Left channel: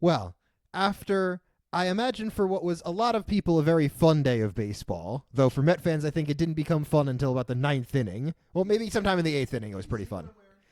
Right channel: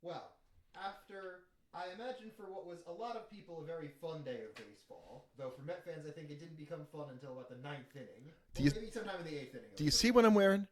Well, after I imagine for what was a lot of people a very fun day of baseball, though for Met fans I think it didn't become fun until about the ninth inning. Well, maybe sometime in the eighth inning it was Do you pretty see fun. what I'm wearing?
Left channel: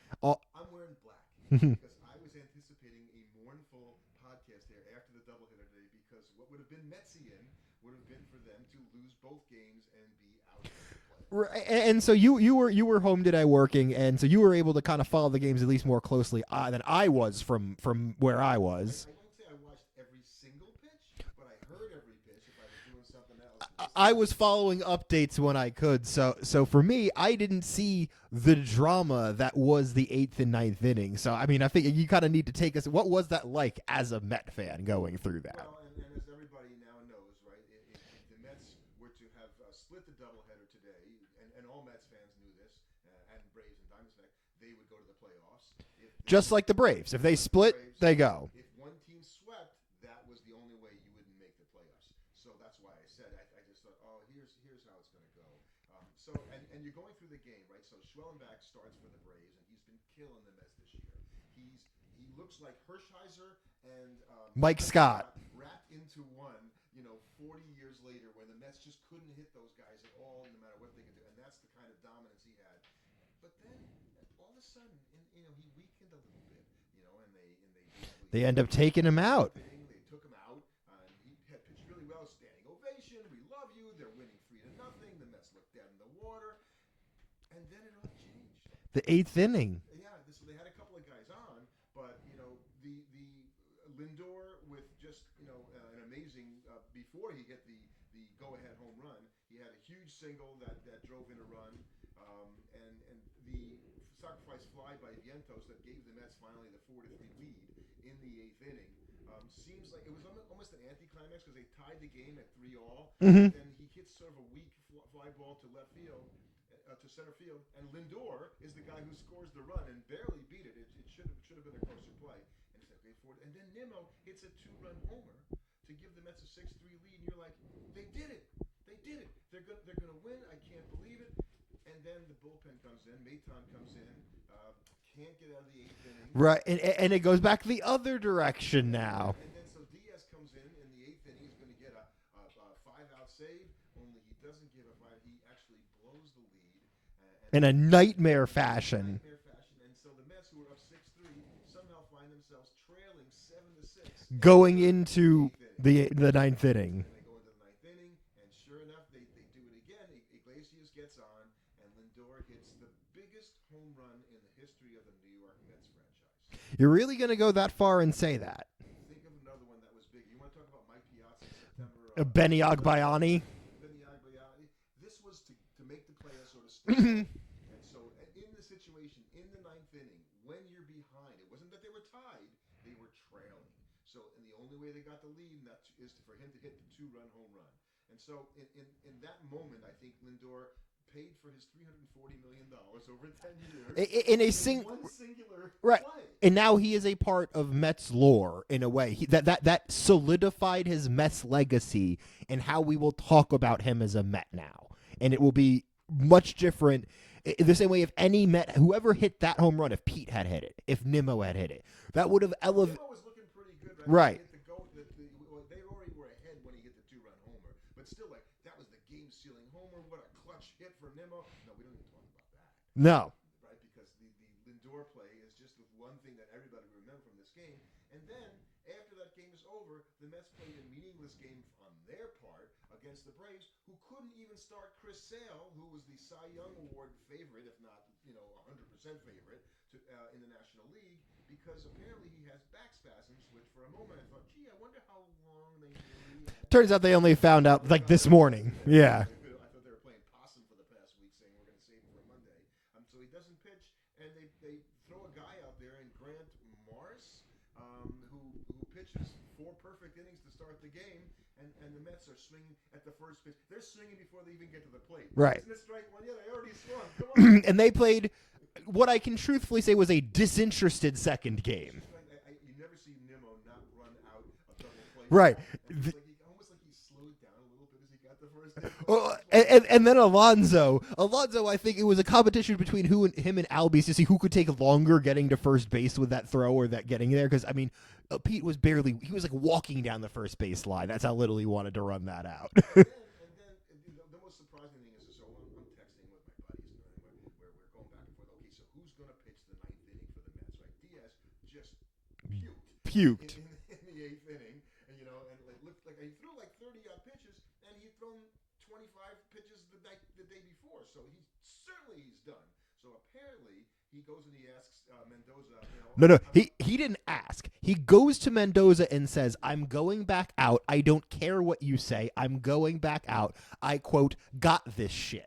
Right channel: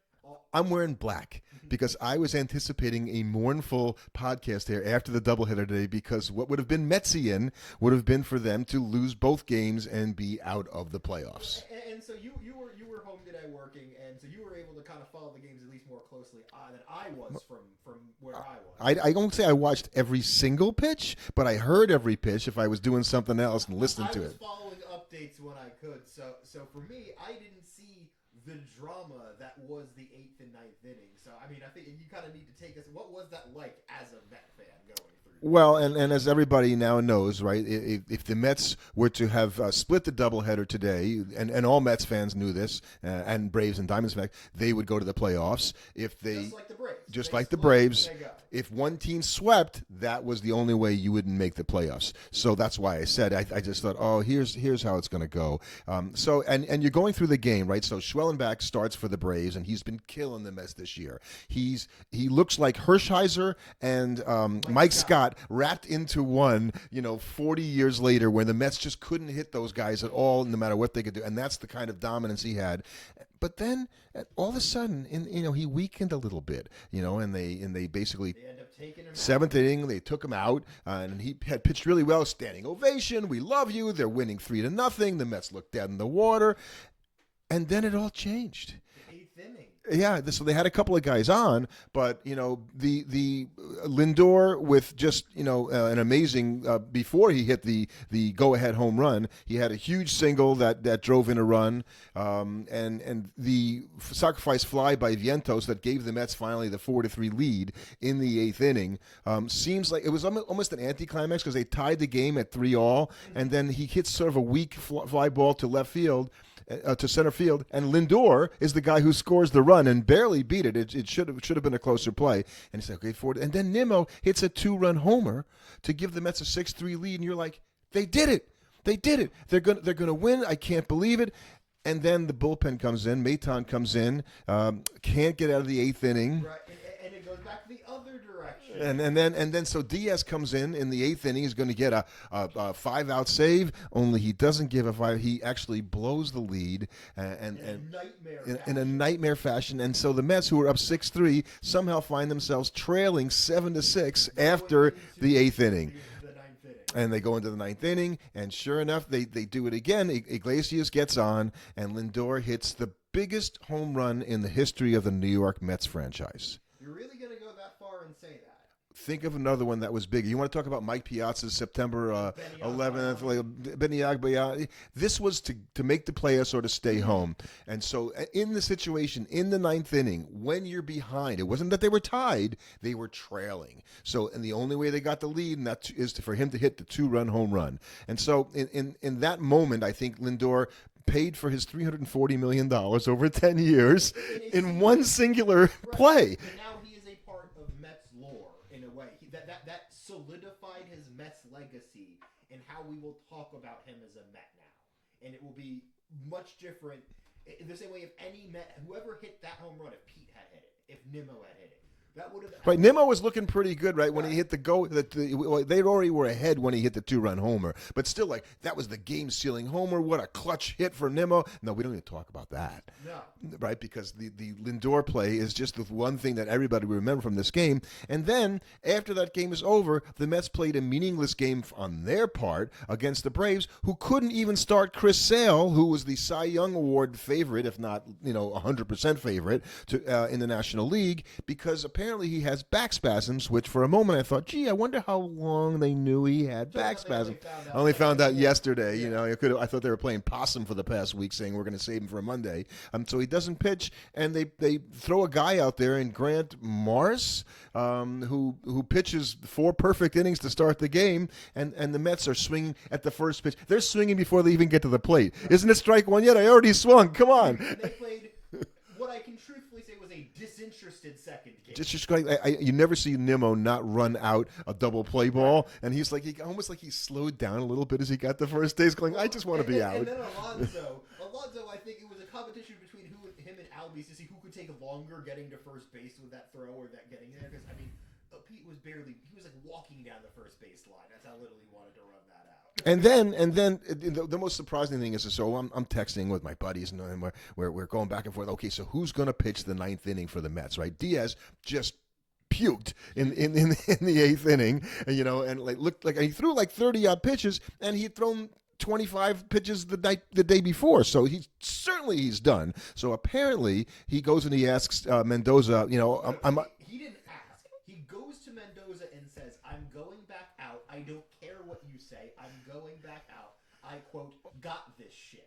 I'm wearing black because I was anticipating a mournful podcast here after the doubleheader today because what would have been Metsian would have been for them to lose both games and be out of the playoffs. And so you were home today working, and so you were able to kind of follow the games at least more closely than I was from where I was. I don't say I watched every single pitch, but I heard every pitch if I was doing something else and listening to it. I was following updates when I could. So for me, I didn't see the drama that was the eighth and ninth inning. So, I mean, I think you kind of need to take us. What was that like as a Met fan going through that? Well, and as everybody now knows, right, if the Mets were to have split the doubleheader today, and all Mets fans knew this, and Braves and Diamonds fans, they would go to the playoffs. If they, just like the Braves. If just they like split, the Braves, they go. If one team swept, that was the only way you wouldn't make the playoffs. So that's why I said, I just thought, oh, here's how it's going to go. So you're going through the game, right? So Schwellenbach starts for the Braves, and he's been killing the Mets this year. He looks like Hershiser and Mike Scott wrapped into one, 40 years later, where the Mets just couldn't hit those guys at all, no matter what they could do, and that's the kind of dominance he had. But then all of a sudden, he weakened a little bit, and they basically end up taking him out. Seventh inning, they took him out, and he had pitched really well. Standing ovation, we love you. They're winning 3-0. The Mets looked dead in the water. And then it all changed. The eighth inning. Yeah, so they had a couple of guys on, but the Lindor with just an amazing before he hit the go-ahead home run, he had a huge single that drove in a run, and the sacrifice fly by Vientos that gave the Mets finally the 4-3 lead in the eighth inning. Seems like it was almost an anticlimax because they tied the game at 3-3, and then he hits sort of a weak fly ball to left field. To center field, and Lindor is the guy who scores the run and barely beat it. It should have been a closer play. And he's like, okay, forward. And then Nimmo hits a 2-run homer to give the Mets a 6-3 lead, and you're like, they did it. They did it. They're gonna win. I can't believe it. And then the bullpen comes in. Maton comes in. Can't get out of the eighth inning. Right, and it goes back the other direction. And then so Diaz comes in the eighth inning. He's going to get a 5-out save. Only he doesn't give a 5. He actually blows the lead in a nightmare fashion. In a nightmare fashion. And so the Mets, who were up 6-3, somehow find themselves trailing 7-6 going after into the eighth inning, the ninth inning. And they go into the ninth inning, and sure enough, they do it again. Iglesias gets on. And Lindor hits the biggest home run in the history of the New York Mets franchise. You're really going to go that far and say that? Think of another one that was big. You want to talk about Mike Piazza's September Benny Agbayani? Benny Agbayani. This was to make the playoffs or to stay home. And so in the situation, in the ninth inning, when you're behind, it wasn't that they were tied, they were trailing. So, and the only way they got the lead, and that is for him to hit the 2-run home run. And so in that moment, I think Lindor paid for his $340 million over 10 years in one singular play. And now he is a part of Mets lore in a way. That solidified his Mets legacy and how we will talk about him as a Met now. And it will be much different. The same way if any Met, whoever hit that home run, if Pete had hit it, if Nimmo had hit it, that would have. Right, Nimmo was looking pretty good, right? When he hit the go, they already were ahead when he hit the 2-run homer. But still, that was the game-sealing homer. What a clutch hit for Nimmo. No, we don't even talk about that. No, right? Because the Lindor play is just the one thing that everybody will remember from this game. And then after that game is over, the Mets played a meaningless game on their part against the Braves, who couldn't even start Chris Sale, who was the Cy Young Award favorite, if not 100% favorite in the National League, because apparently he has back spasms, which for a moment I thought, gee, I wonder how long they knew he had. Turns out they only found out this morning. Yesterday. Yeah, I thought they were playing possum for the past week, saying we're going to save him for Monday. So he doesn't pitch, and they throw a guy out there in Grant Morris, who pitches 4 perfect innings to start the game, and the Mets are swinging at the first pitch. They're swinging before they even get to the plate. Right. Isn't it strike one yet? I already swung. Come on. And they played what I can truthfully say was a disinterested second game. You never see Nimmo not run out a double play ball, and he's almost like he slowed down a little bit as he got the first base. I just want to be out. And then Alonso, I think it was a competition between him and Albies to see who could take longer getting to first base with that throw or that getting there. Because Pete was he was like walking down the first base line. That's how little he wanted to run that out. and then the most surprising thing is, so I'm texting with my buddies, and we're going back and forth. Okay, so who's going to pitch the ninth inning for the Mets, right? Diaz just puked. In the eighth inning, and looked like he threw like 30-odd pitches, and he had thrown 25 pitches the day before, so he's done. So apparently he goes and he asks Mendoza, No, he didn't ask. He goes to Mendoza and says, "I'm going back out. I don't care what you say. I'm going back out. I, quote, got this shit."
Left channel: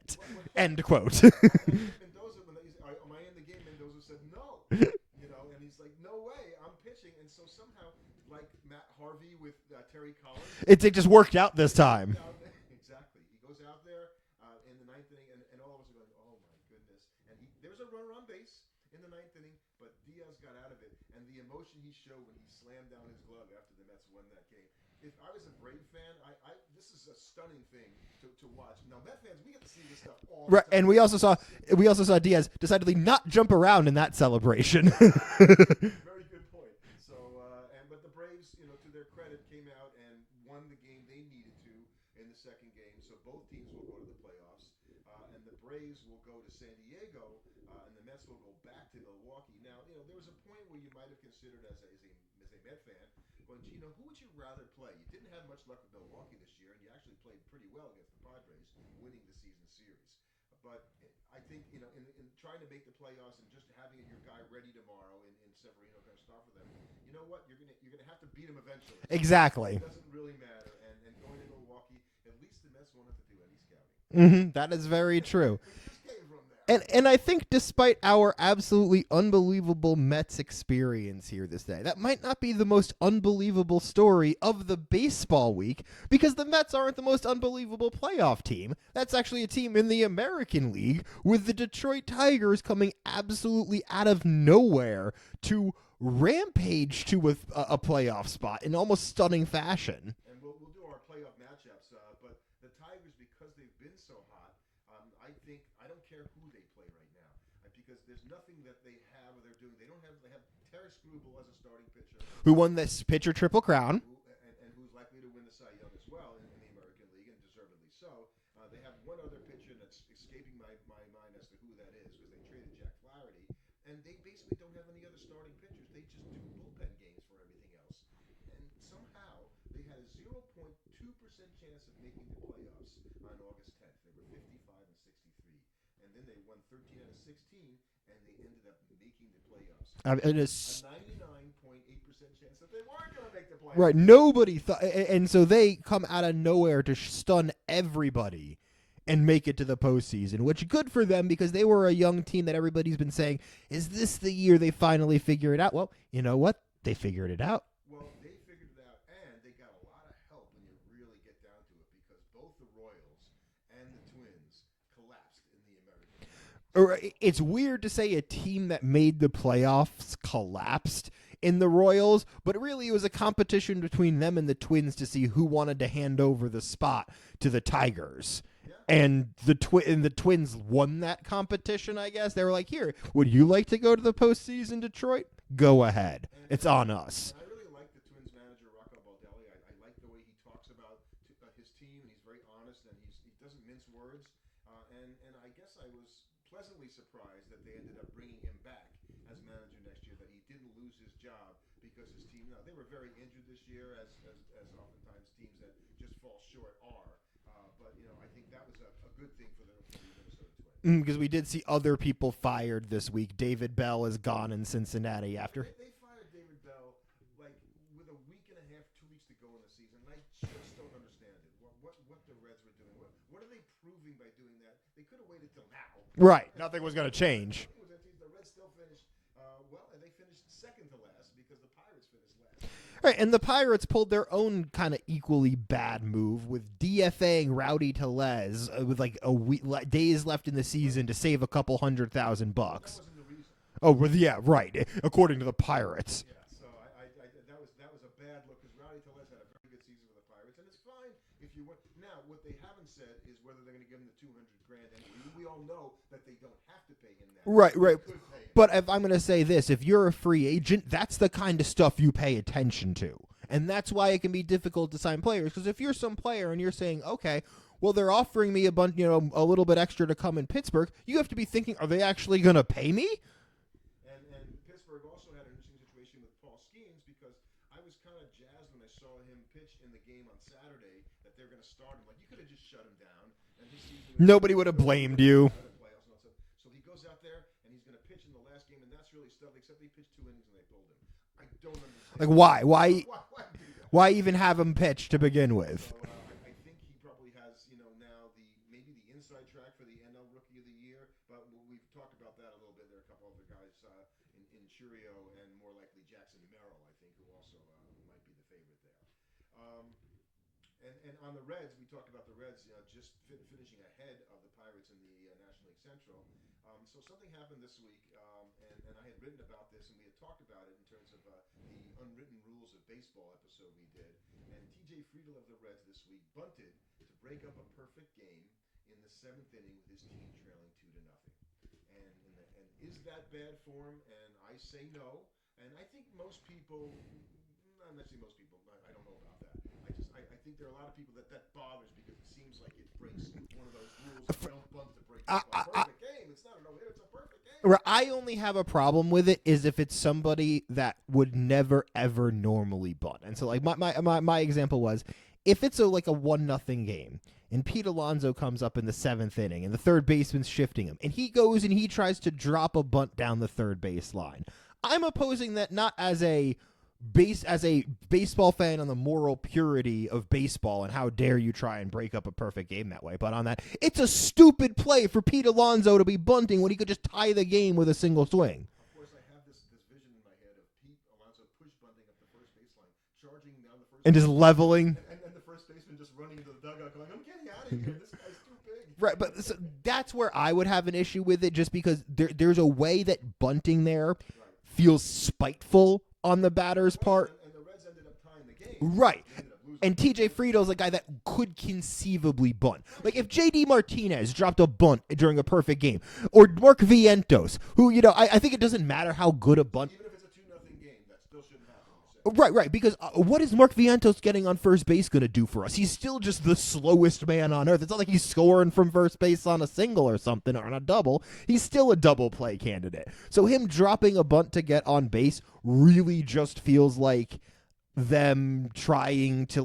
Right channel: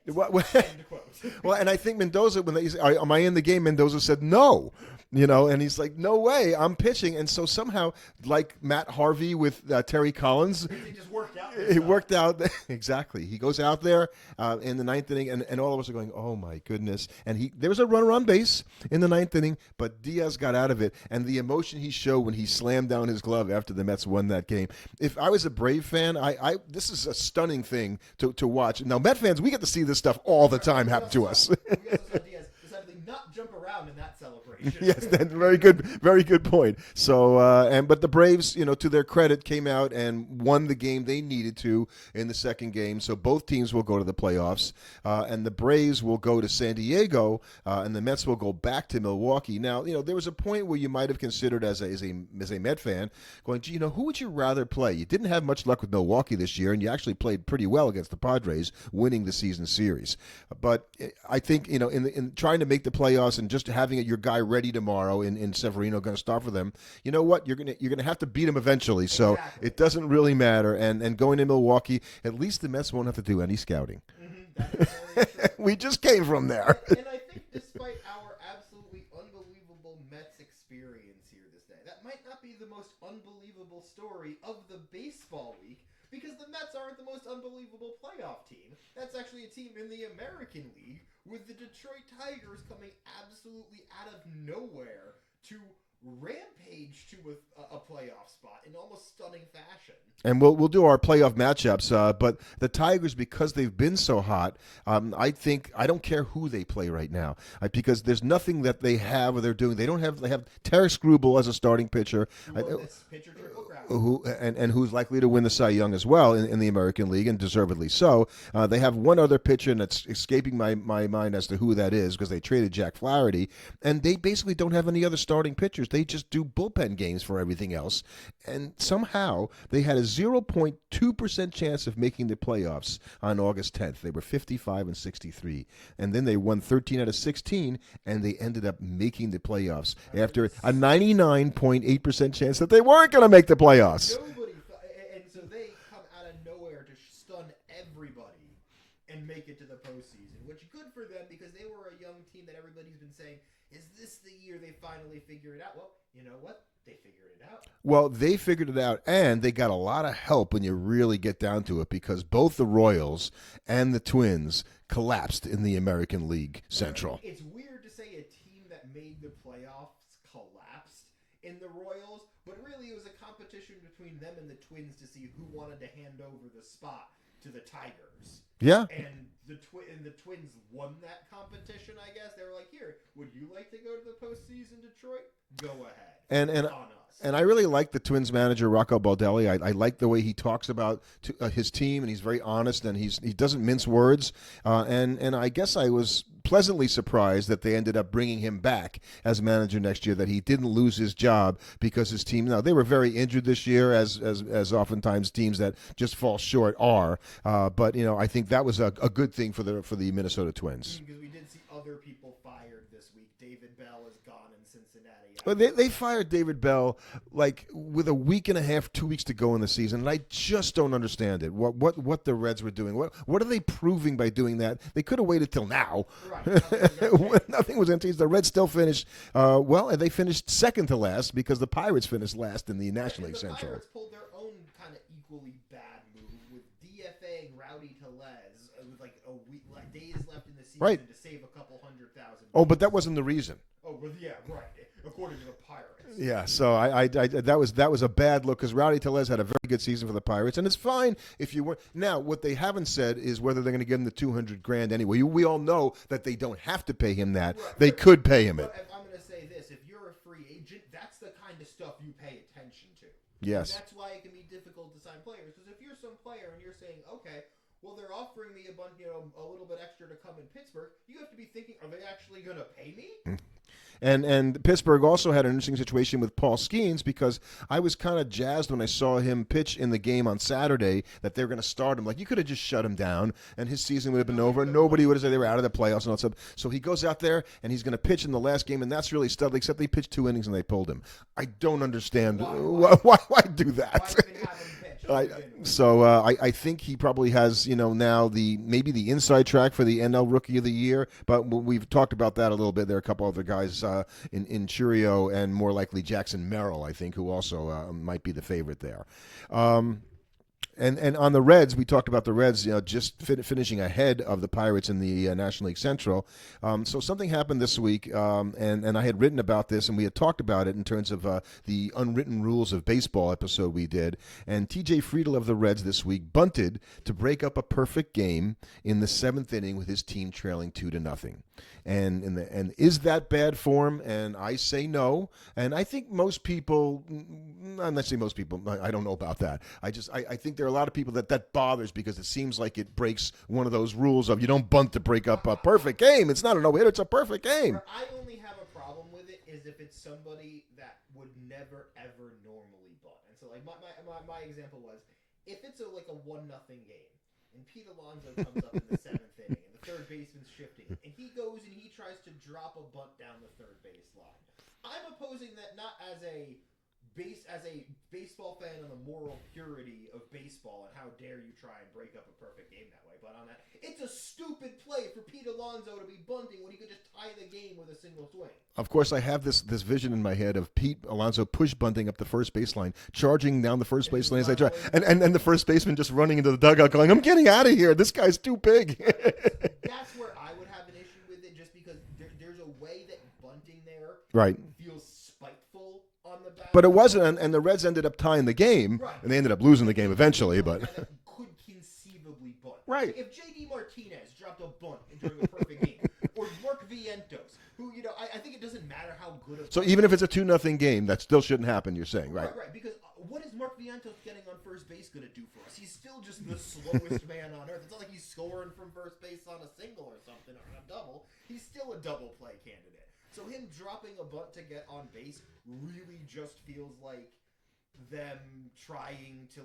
End quote. Well, and I think Mendoza, when they say, "Am I in the game?" Mendoza said, "No," and he's like, "No way, I'm pitching." And so somehow, like Matt Harvey with Terry Collins, it just worked out this time. It worked out exactly. He goes out there in the ninth inning, and all of us are going, "Oh my goodness!" And there was a runner on base in the ninth inning, but Diaz got out of it, and the emotion he showed when he slammed down his glove after the Mets won that game. If I was a Brave fan, this is a stunning thing to watch. Now, Met fans, we get to see this stuff all the time. And we also saw Diaz decidedly not jump around in that celebration. Yeah, very good point. So, but the Braves, to their credit, came out and won the game they needed to in the second game. So both teams will go to the playoffs, and the Braves will go to San Diego, and the Mets will go back to Milwaukee. Now, there was a point where you might have considered as a Met fan going, gee, who would you rather play? You didn't have much luck with Milwaukee this year, and you actually played pretty well against the Padres, winning the season series. But I think in trying to make the playoffs and just having your guy ready tomorrow in Severino going to start for them, you know what? You're gonna have to beat him eventually. So exactly. It doesn't really matter. And going to Milwaukee, at least the Mets won't have to do any scouting. Mm-hmm. That is very true. We just came from there. And I think despite our absolutely unbelievable Mets experience here this day, that might not be the most unbelievable story of the baseball week, because the Mets aren't the most unbelievable playoff team. That's actually a team in the American League, with the Detroit Tigers coming absolutely out of nowhere to rampage to a playoff spot in almost stunning fashion. And we'll do our playoff matchups, but the Tigers, because they've been so hot, I don't care who they play right now, because there's nothing that they have or they're doing. They have Terry Scrubel as a starting pitcher, who won this pitcher triple crown, and who's likely to win the Cy Young as well in the American League, and deservedly so. They have one other pitcher, and it's escaping my mind as to who that is, because they traded Jack Flaherty, and they basically don't have any other starting pitchers. They just do bullpen games for everything else. And somehow they had a 0.2% chance of making the playoffs on August 10th. They were 55-63. And then they won 13 out of 16, and they ended up making the playoffs after a 99.8% chance that they weren't going to make the playoffs. Right, nobody thought. And so they come out of nowhere to stun everybody and make it to the postseason, which good for them, because they were a young team that everybody's been saying, is this the year they finally figure it out? Well, you know what? They figured it out. Well, they figured it out, and they got a lot of help when you really get down to it, because both the Royals and the Twins collapsed in the American League Central. It's weird to say a team that made the playoffs collapsed in the Royals, but really it was a competition between them and the Twins to see who wanted to hand over the spot to the Tigers. Yeah. And the Twins won that competition, I guess. They were like, here, would you like to go to the postseason, Detroit? Go ahead. It's on us. And I really like the Twins manager, Rocco Baldelli. I like the way he talks about his team, and he's very honest, and he doesn't mince words. And I guess I was pleasantly surprised that they ended up bringing him back as manager next year, that he didn't lose his job because his team, now they were very injured this year, as oftentimes teams that just fall short are, but I think that was a good thing for the Minnesota Twins, because we did see other people fired this week. David Bell is gone in Cincinnati. But they fired David Bell like with a week and a half, 2 weeks to go in the season, and I just don't understand it. What the Reds were doing? What are they proving by doing that? They could have waited till now. Right. Nothing was going to change. Nothing was going to change. The Reds still finished, and they finished second to last because the Pirates finished last in the National League. And the Pirates pulled their own kind of equally bad move with DFAing Rowdy Tellez with like a week, days left in the season to save a couple $100,000. Oh, but that wasn't the reason. Oh, well, yeah, right. According to the Pirates. Yeah, so I that was a bad look, because Rowdy Tellez had a very good season for the Pirates, and it's fine if you weren't. Now, what they haven't said is whether they're going to give him the $200,000 anyway. We all know that they don't have to pay him that. Right, they could pay him. But if I'm going to say this, if you're a free agent, that's the kind of stuff you pay attention to. Yes. And that's why it can be difficult to sign players. Because if you're some player and you're saying, okay, well, they're offering me a little bit extra to come in Pittsburgh, you have to be thinking, are they actually going to pay me? And Pittsburgh also had an interesting situation with Paul Skeens, because I was kind of jazzed when I saw him pitch in the game on Saturday that they're going to start him. Like, you could have just shut him down, and his season would have been over. Nobody would have been out of the playoffs and all that stuff. So he goes out there, and he's going to pitch in the last game, and that's really studly, except they pitched 2 innings and they pulled him. I don't understand. Why do that? Why even have him pitch to begin with? So I think he probably has, now maybe the inside track for the NL Rookie of the Year, but we've talked about that a little bit. There are a couple other guys in Churio, and more likely Jackson Merrill, I think, who also might be the favorite there. And on the Reds, we talked about the Reds, just finishing ahead of the Pirates in the National League Central. So something happened this week, and I had written about this, and we had talked about it in terms of the unwritten rules of baseball episode we did. And T.J. Friedel of the Reds this week bunted to break up a perfect game in the 7th inning with his team trailing 2-0. And is that bad form? And I say no. And I think most people, I'm not saying most people, I don't know about that. I think there are a lot of people that bothers, because it seems like it breaks one of those rules of you don't bunt to break up a perfect game. It's not a no-hitter, it's a perfect game. I only have a problem with it is if it's somebody that would never, ever normally bunt. And so, like, my example was, if it's a 1-0 game, and Pete Alonso comes up in the 7th inning, and the third baseman's shifting him, and he goes and he tries to drop a bunt down the third base line. I'm opposing that not as a baseball fan on the moral purity of baseball and how dare you try and break up a perfect game that way, but on that, it's a stupid play for Pete Alonso to be bunting when he could just tie the game with a single swing. Of course, I have this vision in my head of Pete Alonso push bunting up the first baseline, charging down the first and baseline, just leveling, and the first baseman just running into the dugout going, I'm getting out of here. This guy's too big. Right, but so that's where I would have an issue with it, just because there's a way that bunting there feels spiteful on the batter's But it wasn't, part. and the Reds ended up tying the game. Right. And they ended up losing the game eventually. And a guy that could conceivably bunt. Right. Like, if J.D. Martinez dropped a bunt during a perfect game, or Mark Vientos, who, I think it doesn't matter how good a bunt. So even if it's a 2-0 game, that still shouldn't happen, you're saying. Right, because what is Mark Vientos getting on first base going to do for us? He's still just the slowest man on earth. It's not like he's scoring from first base on a single or something, or on a double. He's still a double play candidate. So him dropping a bunt to get on base really just feels like them trying to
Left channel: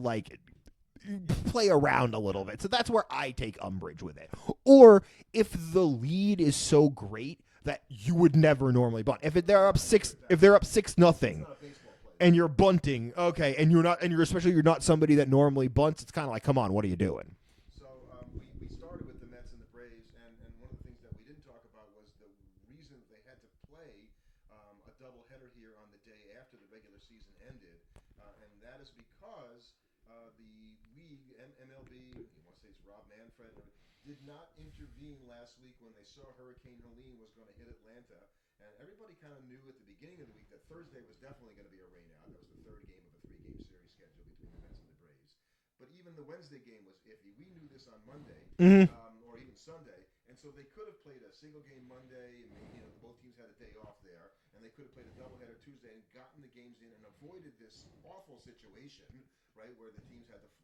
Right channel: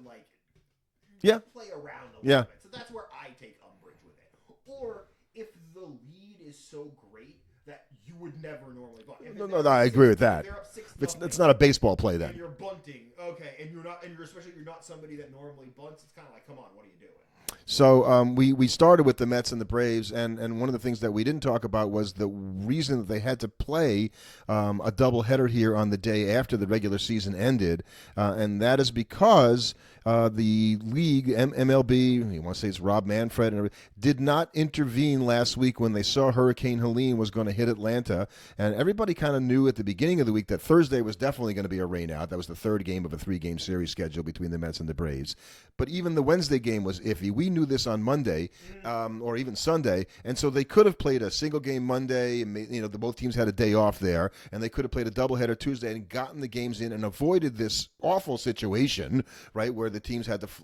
play around a little bit. So that's where I take umbrage with it. Or if the lead is so great that you would never normally bunt. If they're up 6-0, if they're up 6-0, it's not a baseball play then. And you're bunting, okay, and you're not somebody that normally bunts. It's kind of like, come on, what are you doing? So we started with the Mets and the Braves, and one of the things that we didn't talk about was the reason that they had to play a doubleheader here on the day after the regular season ended, and that is because the league, MLB, you want to say it's Rob Manfred, did not intervene last week when they saw Hurricane Helene was going to hit Atlanta, and everybody kind of knew at the beginning of the week that Thursday was definitely going to be a rainout. That was the third game of a 3-game series schedule between the Mets and the Braves. But even the Wednesday game was iffy. We knew this on Monday or even Sunday, and so they could have played a single game Monday. And, both teams had a day off there, and they could have played a doubleheader Tuesday and gotten the games in and avoided this awful situation, right, where the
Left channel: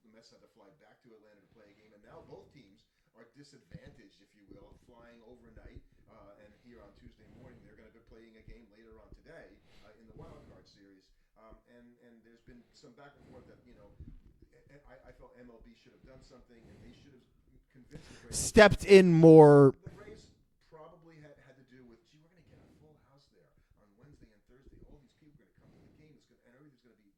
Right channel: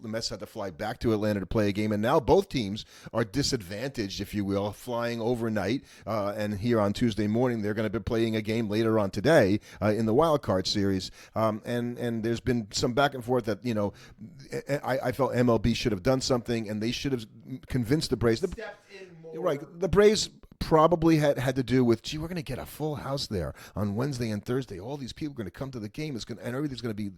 Mets had to fly back to Atlanta to play a game, and now both teams are disadvantaged, if you will, flying overnight. And here on Tuesday morning, they're going to be playing a game later on today in the wild card series. And there's been some back and forth that I felt MLB should have done something, and they should have convinced the Braves. Stepped in more. Right, the Braves probably had to do with, we're going to get a full house there on Wednesday and Thursday. All these people are going to come to the game, and everything's going to be,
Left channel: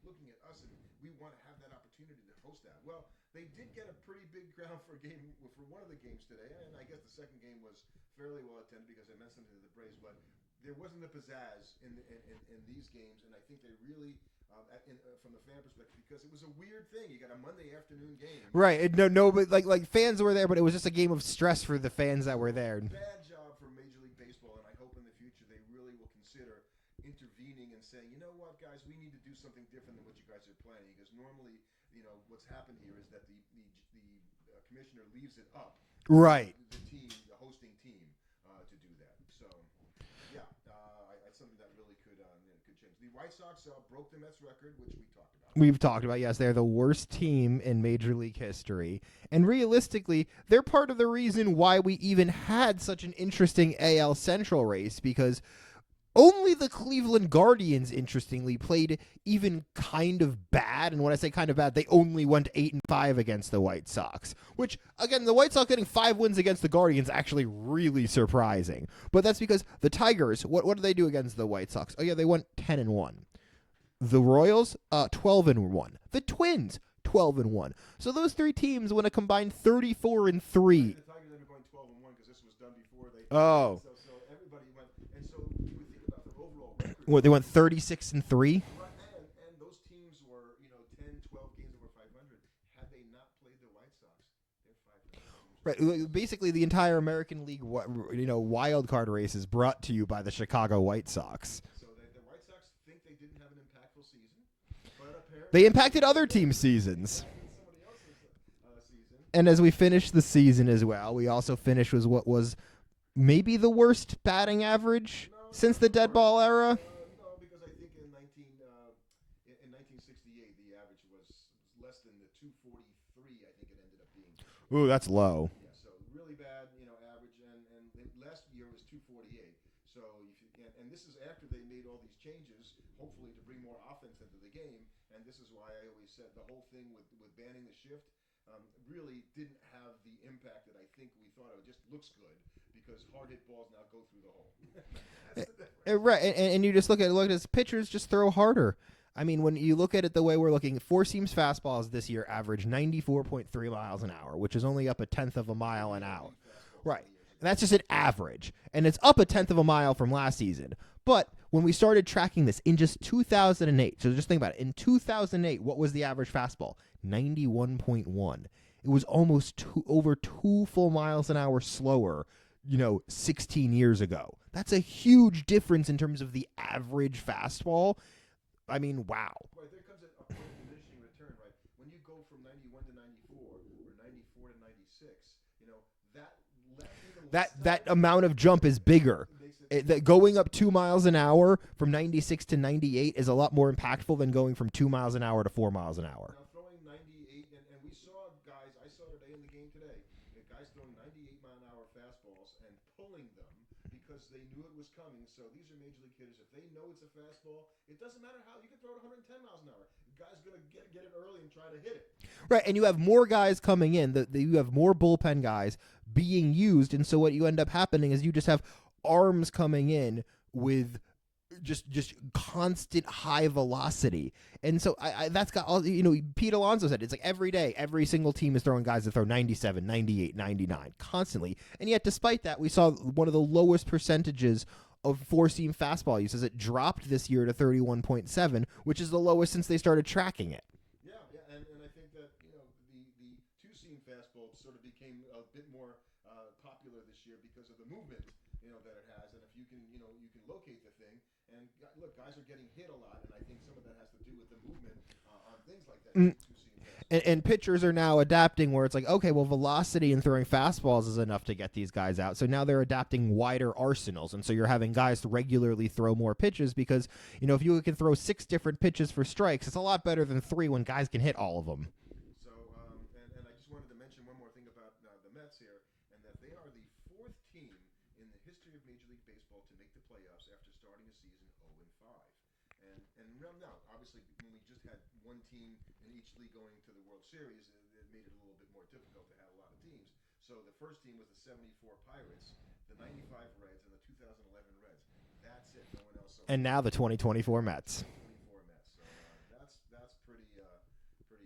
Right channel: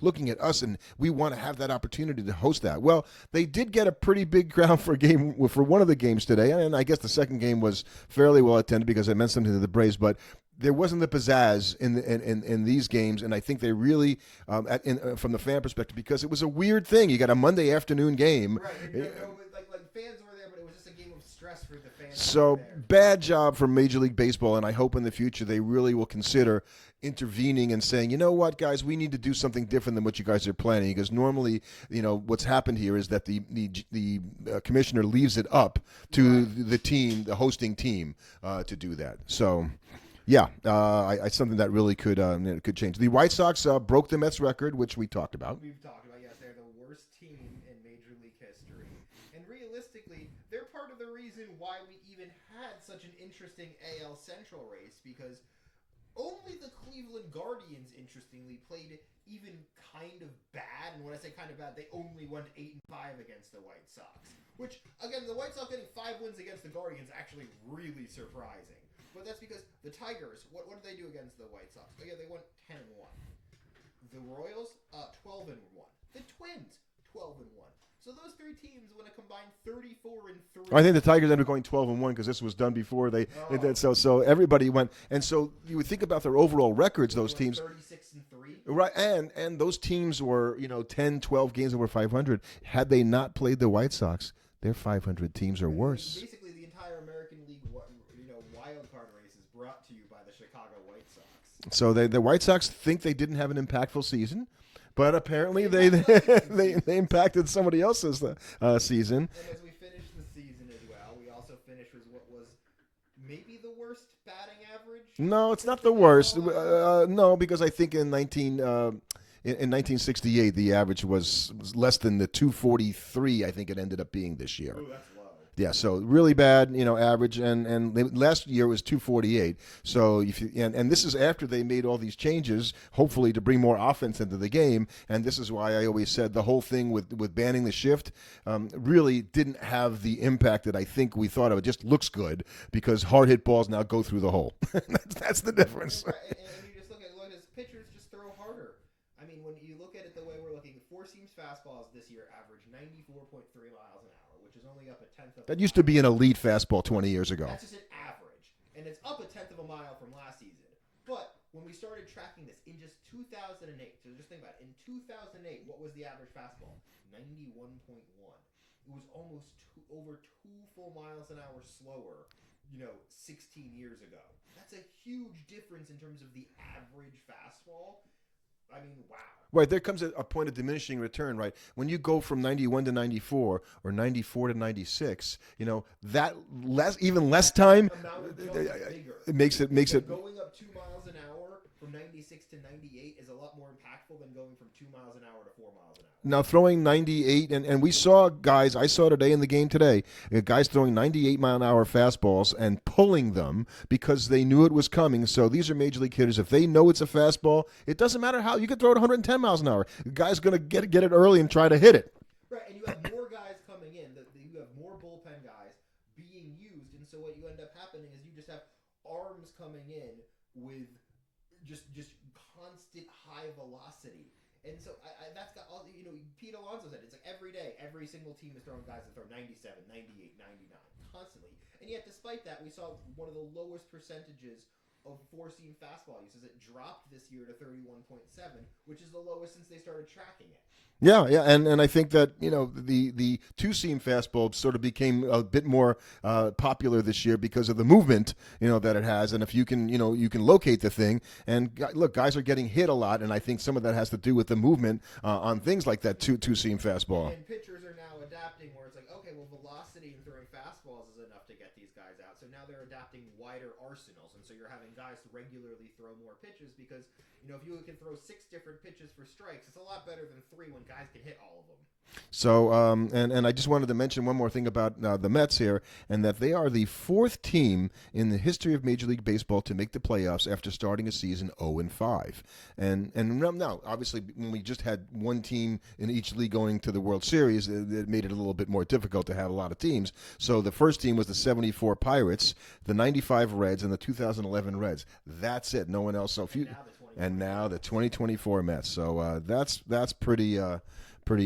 looking at us, and we want to have that opportunity to host that. Well, they did get a pretty big crowd for one of the games today, and I guess the second game was fairly well attended because it meant something to the Braves, but there wasn't the pizzazz in these games, and I think they really, from the fan perspective, because it was a weird thing. You got a Monday afternoon game, right? No, but like fans were there, but it was just a game of stress for the fans that were there. So bad job for Major League Baseball, and I hope in the future they really will consider intervening and saying, you know what, guys, we need to do something different than what you guys are planning. Because normally, what's happened here is that the commissioner leaves it up to the team, the hosting team, to do that. So. Yeah, it's something that really could change. The White Sox broke the Mets record, which we talked about. We've talked about, yes. They're the worst team in Major League history. And realistically, they're part of the reason why we even had such an interesting AL Central race, because only the Cleveland Guardians, interestingly, played even kind of bad. And when I say kind of bad, they only went 8-5 against the White Sox, which, again, the White Sox getting 5 wins against the Guardians actually really surprising. But that's because the Tigers, what did they do against the White Sox? Oh, yeah, they went 10-1. The Royals, 12-1. The Twins, 12-1. So those three teams went a combined 34-3. I think the Tigers ended up going 12-1 because this was done before they did. So everybody went, and so you would think about their overall records. They went teams, 36-3. right? And those teams were 10, 12 games over 500. Had they not played the White Sox, their 500 teams are worse. Basically, the entire American League, wild card race is brought to you by the Chicago White Sox. So the White Sox think they didn't have an impactful season. But apparently they impacted other teams' seasons. They impacted somebody else's season. And as we finished the season as well, we also finished with what was maybe the worst batting average. No, it's since not the the worst. Era? No, because I think in 1968, the average was less than the 243. I think it ended up being this year. Ooh, that's low. Yeah, so really bad, average, and last year was 248. So and this is after they made all these changes, hopefully to bring more offense into the game. And this is why I always said the whole thing with banning the shift really didn't have the impact that I think we thought of. It just looks good because hard hit balls now go through the hole. That's the difference, right? And you just look at this, pitchers just throw harder. I mean, when you look at it the way we're looking, four seams fastballs this year average 94.3 miles an hour, which is only up a tenth of a mile. That used to be an elite fastball 20 years ago. That's just an average, and it's up a tenth of a mile from last season. But when we started tracking this in just 2008, so just think about it. In 2008, what was the average fastball? 91.1. It was almost over 2 full miles an hour slower, 16 years ago. That's a huge difference in terms of the average fastball. I mean, wow. Right, there comes a point of diminishing return, right? When you go from 91 to 94 or 94 to 96, that less time. That amount of jump is bigger. It makes it going up 2 miles an hour from 96 to 98 is a lot more impactful than going from 2 miles an hour to 4 miles an hour. Now throwing 98, and we saw guys, I saw today in the game today, guys throwing 98 mile an hour fastballs and pulling them because they knew it was coming. So these are major league hitters. If they know it's a fastball, it doesn't matter how. You could throw it 110 miles an hour. The guy's going to get it early and try to hit it. Right, and you have more guys coming in. You have more bullpen guys being used, and so what you end up happening is you just have arms coming in with just constant high velocity. And so that's got all, Pete Alonso said, it's like every day, every single team is throwing guys that throw 97, 98, 99 constantly. And yet despite that, we saw one of the lowest percentages of four-seam fastball use as it dropped this year to 31.7, which is the lowest since they started tracking it. Yeah, and I think that the two-seam fastball sort of became a bit more popular this year because of the movement that it has, and if you can locate the thing, and look, guys are getting hit a lot, and I think some of that has to do with the movement on things like that two-seam fastball. And pitchers are now adapting where it's like, okay, well, velocity and throwing fastballs is enough to get these guys out, so now they're adapting wider arsenals, and so you're having guys to regularly throw more pitches because if you can throw 6 different pitches for strikes, it's a lot better than 3 when guys can hit all of them. So, and I just wanted to mention one more thing about the Mets here, and that they are the 4th team in the history of Major League Baseball to make the playoffs after starting a season 0-5. And now, obviously, when we just had one team in each league going to the World Series, it made it a little bit more difficult to have a lot of teams. So the first team was the 74 Pirates, the 95 Reds, and the 2011 Reds. That's it. No one else. So now the 2024 Mets. The 2024 Mets. So that's pretty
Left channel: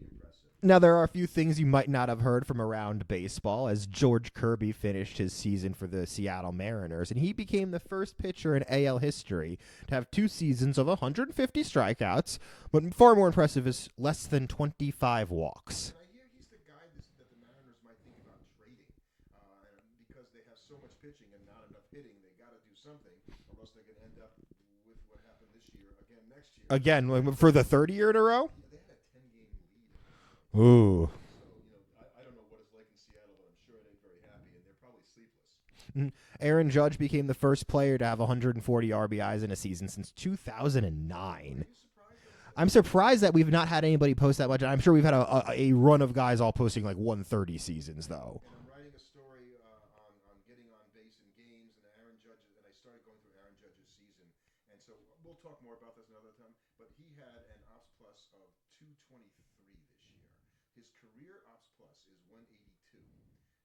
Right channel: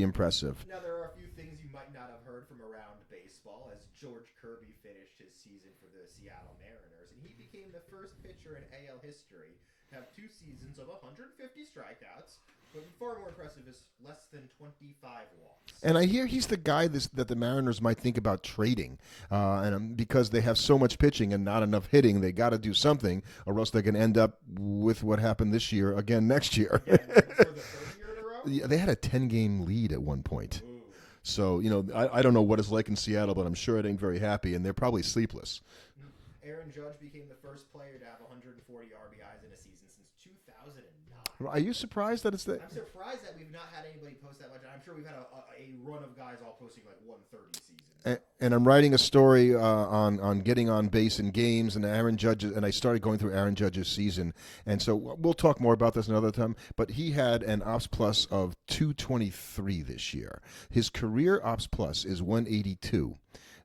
impressive. Now, there are a few things you might not have heard from around baseball, as George Kirby finished his season for the Seattle Mariners, and he became the first pitcher in AL history to have 2 seasons of 150 strikeouts, But far more impressive is less than 25 walks. And I hear he's the guy that the Mariners might think about trading, because they have so much pitching and not enough hitting, they got to do something, or else they can end up with what happened this year again next year. Again, for the third year in a row? Yeah, they had a 10-game lead at one point. Ooh. So, I don't know what it's like in Seattle, but I'm sure it ain't very happy, and they're probably sleepless. Aaron Judge became the first player to have 140 RBIs in a season since 2009. Well, are you surprised that it's I'm surprised that we've not had anybody post that much. I'm sure we've had a run of guys all posting like 130 seasons, though. And I'm writing a story on getting on base in games, and Aaron Judge, and I started going through Aaron Judge's season, and so we'll talk more about this another time. But he had an ops plus of 223 this year. His career ops plus is 182.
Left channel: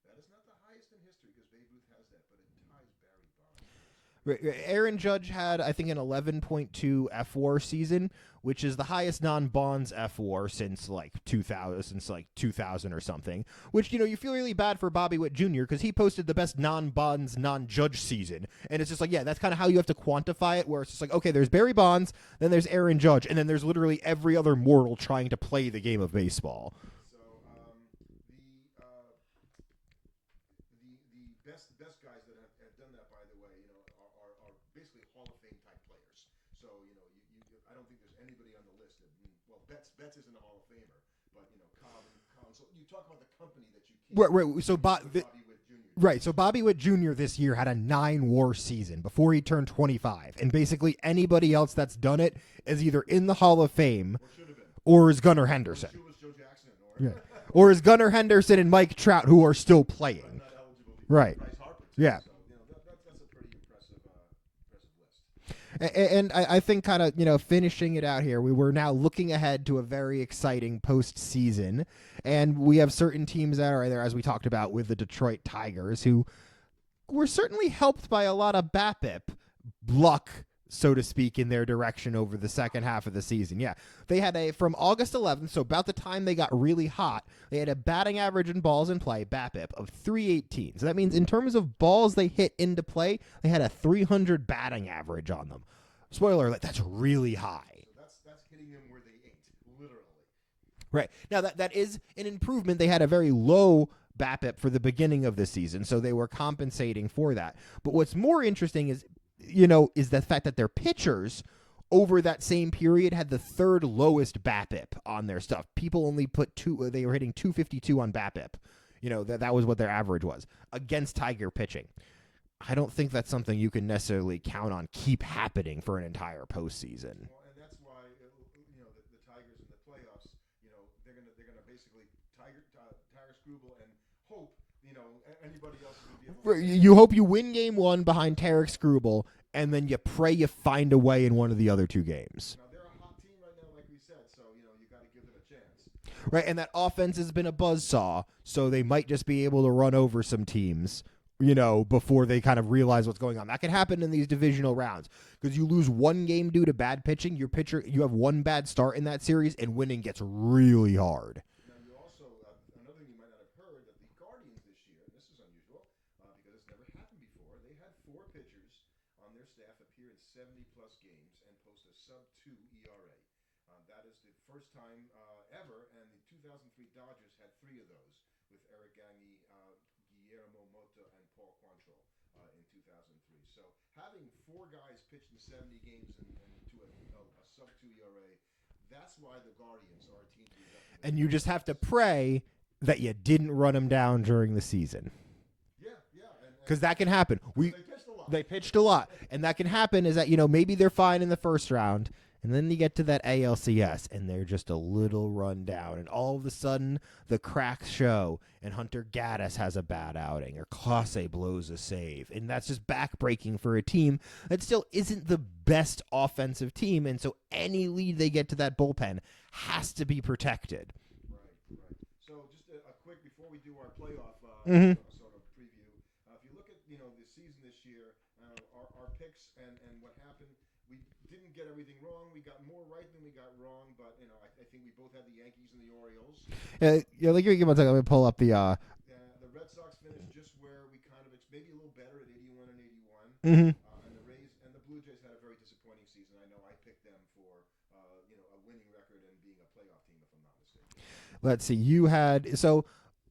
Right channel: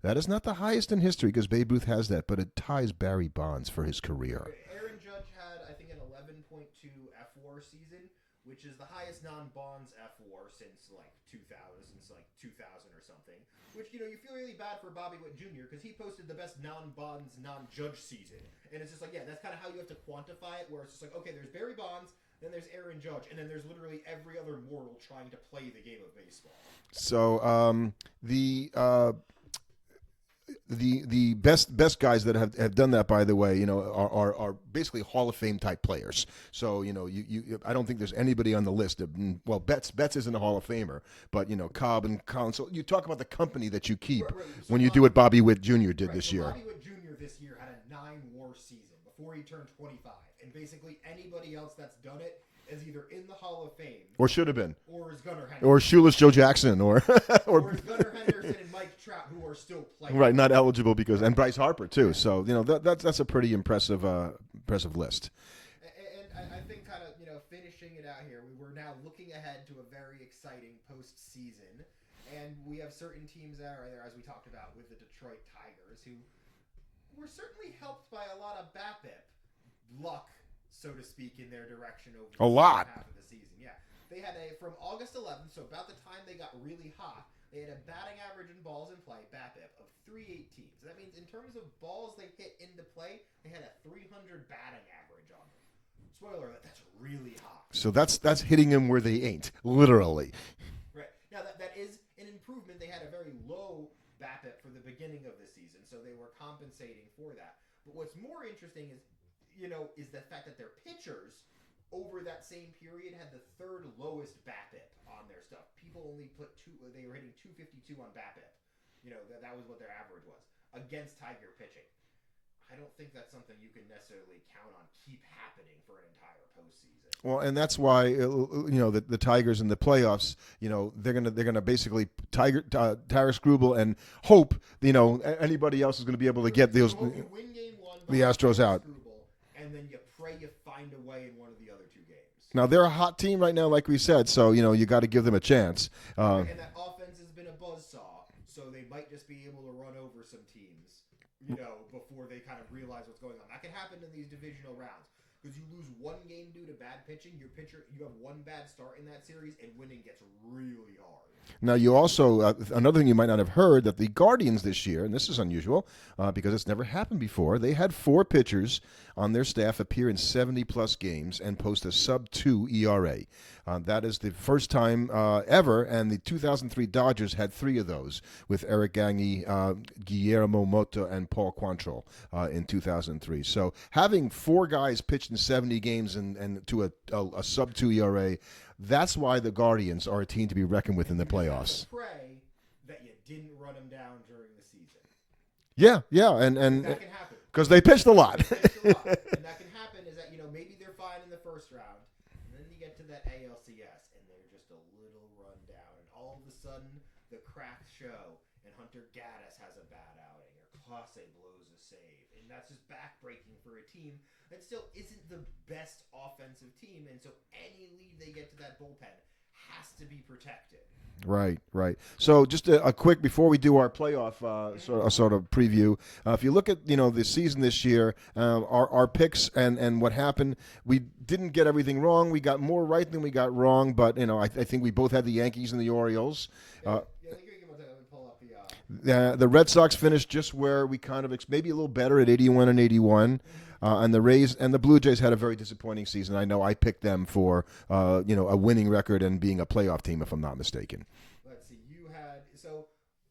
That is not the highest in history because Babe Ruth has that, but it ties Barry Bonds for his career. Aaron Judge had, I think, an 11.2 F-WAR season, which is the highest non-Bonds F-WAR since like 2000 or something. Which, you feel really bad for Bobby Witt Jr. because he posted the best non-Bonds, non-Judge season, and it's just like, yeah, that's kind of how you have to quantify it. Where it's just like, okay, there's Barry Bonds, then there's Aaron Judge, and then there's literally every other mortal trying to play the game of baseball. So the best guys that have done that, by the way, are basically Hall of Fame type players. So I don't think there's anybody on the list of, well, Betts isn't a Hall of Famer, but Cobb and Collins. So you talk about the company that you keep so when you do what Bobby Witt Jr. did right, this so year. Bobby Witt Jr. this year had a 9-WAR season before he turned 25, and basically anybody else that's done it is either in the Hall of Fame or should have been, or is Gunnar Henderson, or Shoeless Joe Jackson, or is Gunnar Henderson and Mike Trout, who are still playing. Right, not eligible because Right. and Bryce Harper too. Yeah. So that's a pretty impressive list. And I think kind of, finishing it out here, we were now looking ahead to a very exciting postseason, and we have certain teams that are there, as we talked about with the Detroit Tigers, who were certainly helped by a lot of BABIP luck, so to speak, in their direction over the second half of the season. Yeah. They had from August 11th, so about the time they got really hot, they had a batting average in balls in play, BABIP, of 318. So that means in terms of balls they hit into play, they had a 300 batting average on them. Spoiler alert, that's really high. So that's hitting them where they ain't, literally. Right. Now, that is an improvement. They had a very low BABIP for the beginning of the season, so they were compensating for that. But what's more interesting is the fact that their pitchers over that same period had the third lowest BABIP on their stuff. People only put they were hitting 252 on BABIP. That was what their average was against Tiger pitching. I don't think that's something you can necessarily count on keep happening for an entire postseason. Well, and that's why the Tigers in the playoffs, they're gonna basically Tyrus Grubel and hope anybody else is going to be able to get. You hope you win game one behind Tyrus out. Grubel, and then you pray you find a way in one of the other two games. Now they're a hot team right now, like we said, so you got to give them a chance. Right, and that offense has been a buzzsaw, so they might just be able to run over some teams, before they kind of realize what's going on. That can happen in these divisional rounds because you lose one game due to bad pitching. You have one bad start in that series, and winning gets really hard. Now, you also, another thing you might not have heard, that the Guardians this year, and this is unusual because it's never happened before, they had 4 pitchers on their staff appear in 70-plus games and post a sub-2 ERA. That is the first time ever, and the 2003 Dodgers had 3 of those with Eric Gagne, Guillermo Mota, and Paul Quantrill in 2003. So having 4 guys pitched in 70 games and to a sub-2 ERA, that's why the Guardians are a team to be reckoned with in the playoffs. And you just have to pray that you didn't run them down during the season. Yeah, and because that can happen. Because they pitched a lot. And that can happen is that maybe they're fine in the first round, and then you get to that ALCS, and they're just a little run down, and all of a sudden the cracks show, and Hunter Gaddis has a bad outing, or Clase blows a save, and that's just backbreaking for a team that still isn't the best offensive team, and so any lead they get to that bullpen has to be protected. Right. So just a quick before we do our playoff sort of preview. If you look at the season this year, our picks and what happened, we didn't get everything wrong. We got more right than we got wrong, but I think we both had the Yankees and the Orioles. Like give me 1 second. Let me pull up the Red Sox finished just where we kind of maybe a little better at 81 and 81, and the Rays and the Blue Jays had a very disappointing season. I know I picked them for a winning record and being a playoff team, if I'm not mistaken. Let's see.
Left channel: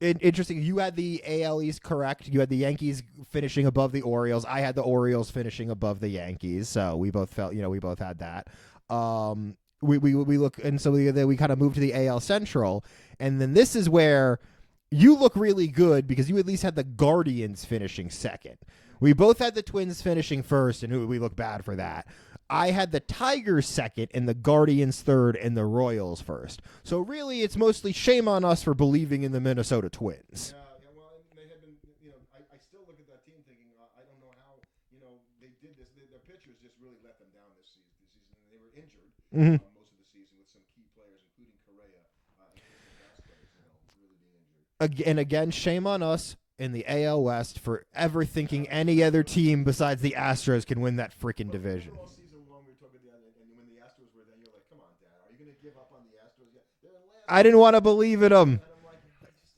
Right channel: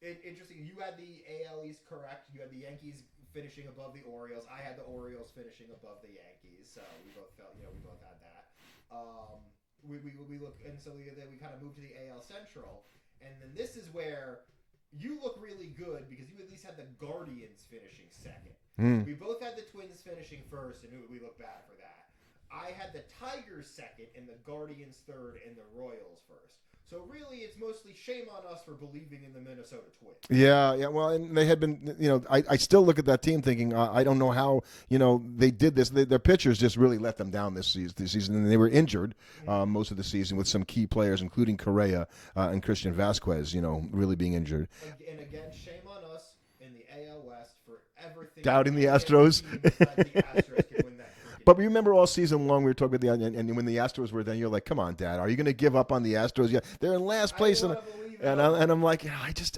Interesting. You had the AL East correct. You had the Yankees finishing above the Orioles. I had the Orioles finishing above the Yankees. So we both felt, we both had that. We look, and so we kind of moved to the AL Central, and then this is where you look really good because you at least had the Guardians finishing second. We both had the Twins finishing first, and we look bad for that. I had the Tigers second and the Guardians third and the Royals first. So really, it's mostly shame on us for believing in the Minnesota Twins. Yeah. Well, and they had been, I still look at that team thinking, I don't know how, they did this. Their pitchers just really let them down this season, and they were injured most of the season with some key players, including Correa and Christian Vasquez, really being injured. And again, shame on us in the AL West for ever thinking Doubting any other team besides the Astros can win that freaking But division. remember all season long we were talking about and when the Astros were then you're like, come on, Dad, are you going to give up on the Astros? Yeah, they're in last place. I didn't want to believe in them. And I'm like, I just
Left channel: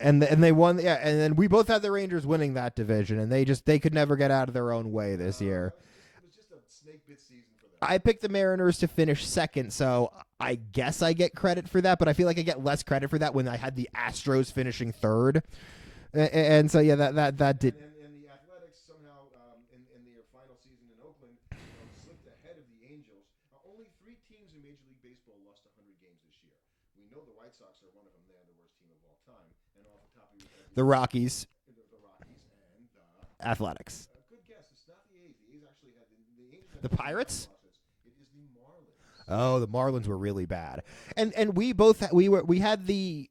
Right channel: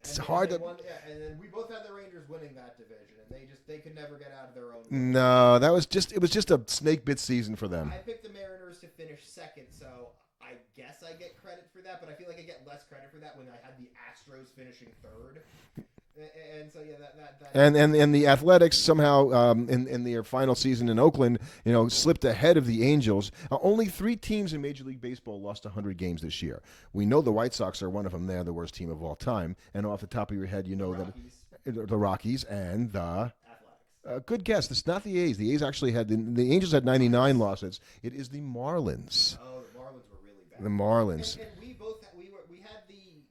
and they won. Yeah, and then we both had the Rangers winning that division, and they could never get out of their own way. No, it was just a snake bit season for them. I picked the Mariners to finish second, so I guess I get credit for that, but I feel like I get less credit for that when I had the Astros finishing third. And so and the Athletics somehow in their final season in Oakland, slipped ahead of the Angels. Only 3 teams in Major League Baseball lost 100 games this year. We know the White Sox are one of them. They're the worst team of all time. And off the top of your head, the Rockies, the Rockies, and the Athletics. Good guess. It's not the A's. The A's actually had the Angels had 99 losses. It is the Marlins. Oh, the Marlins were really bad. The Marlins, and we had the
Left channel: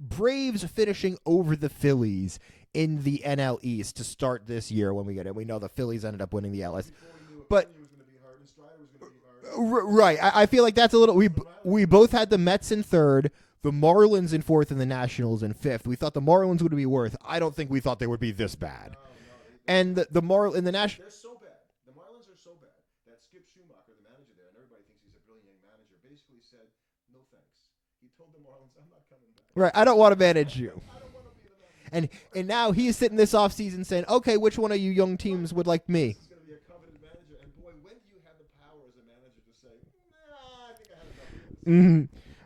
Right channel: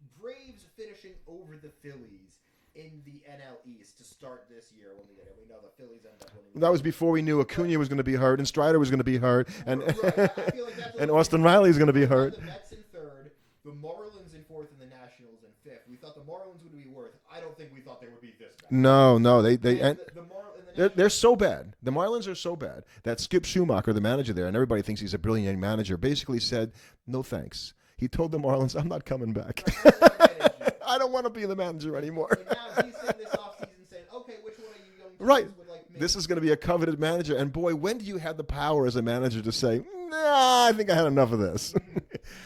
Braves finishing over the Phillies in the NL East to start this year when we get it. We know the Phillies ended up winning the That was before we knew Acuna was going to be hurt and Strider was going to be hurt. Right. I feel like that's a little... Austin Riley is going to be hurt. We both had the Mets in third, the Marlins in fourth, and the Nationals in fifth. We thought the Marlins would be worth. I don't think we thought they would be this bad. No. They're so bad. The Marlins are so bad that Skip Schumacher, the manager there, and everybody thinks he's a brilliant manager, basically said, no thanks. He told the Marlins, I'm not coming back. Right, I don't want to manage you. I don't want to be the manager anymore. And now he's sitting this offseason saying, okay, which one of you young teams would like me? This is going to be a coveted manager. And boy, when do you have the power as a manager to say, nah, I think I had enough of this?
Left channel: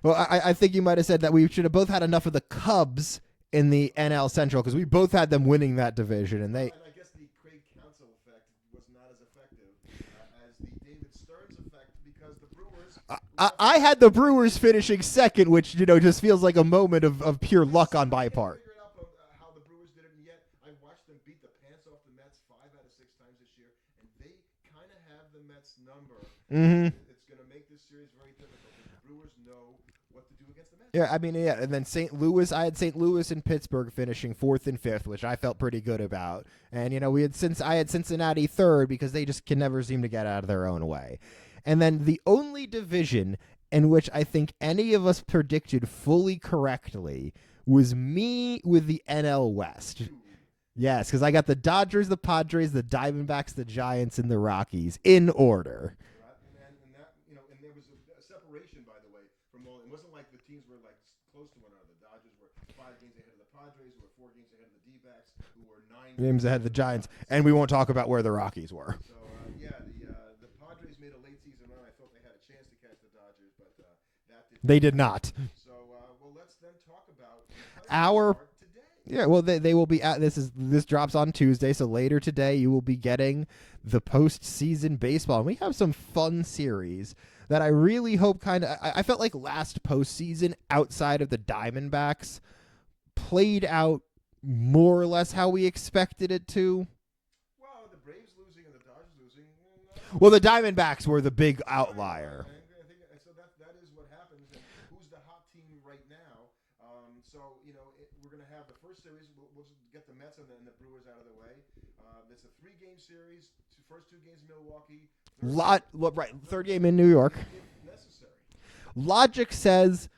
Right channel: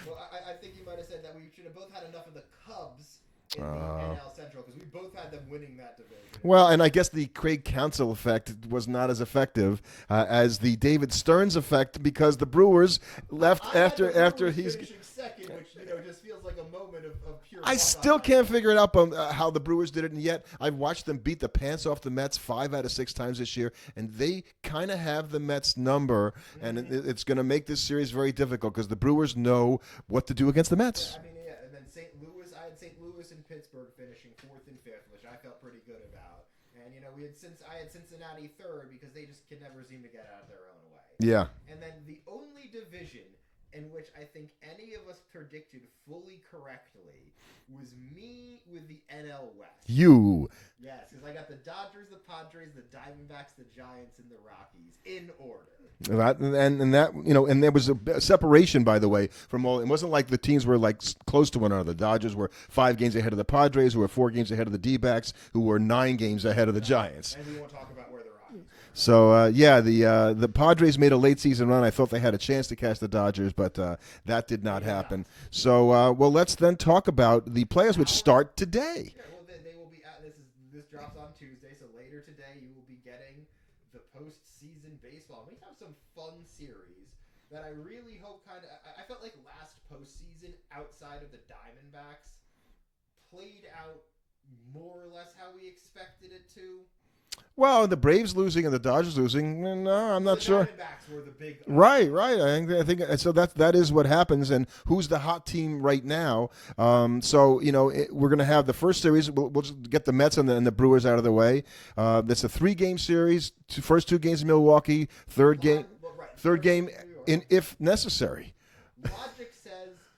Well, I think you might have said that we should have both had enough of the Cubs in the NL Central because we both had them winning that division. And I guess the Craig Counsell effect was not as effective as the David Stearns effect because the Brewers left. I had the Brewers finishing second, which just feels like a moment of pure luck on my part. I still can't figure it out how the Brewers did it, and yet I've watched them beat the pants off the Mets 5 out of 6 times this year, and they kind of have the Mets number, and it's going to make this series very difficult because the Brewers know what to do against the Mets. Yeah, and then St. Louis, I had St. Louis and Pittsburgh finishing 4th and 5th, which I felt pretty good about. And I had Cincinnati 3rd because they just can never seem to get out of their own way. Yeah. And then the only division in which I think any of us predicted fully correctly was me with the NL West. You. Yes, because I got the Dodgers, the Padres, the Diamondbacks, the Giants, and the Rockies in order. And there was a separation, by the way, from all. It wasn't like the teams were like close to one another. The Dodgers were 5 games ahead of the Padres, who were 4 games ahead of the D-backs, who were 9 games ahead of the Giants. And we won't talk about where the Rockies were. So the Padres made a late season run. I thought they had a chance to catch the Dodgers, but that did not. They did happen. not. So let's then talk about the playoffs, which start today. Yeah, well, they will be at This drops on Tuesday, so later today you will be getting the postseason baseball. And we have some fun series that I really hope I felt like last postseason outside of the Diamondbacks played out more or less how we expected it to. Well, the Braves losing and the Dodgers losing. No, the Diamondbacks were the big outlier. Right. I think so. That is what happens. And who's the hot team right now? We're going to have the first series. We'll just get the Mets and the Brewers out of the way. That's a 3-game series. First 2 games in Milwaukee. Third game in New York, if necessary. Logic says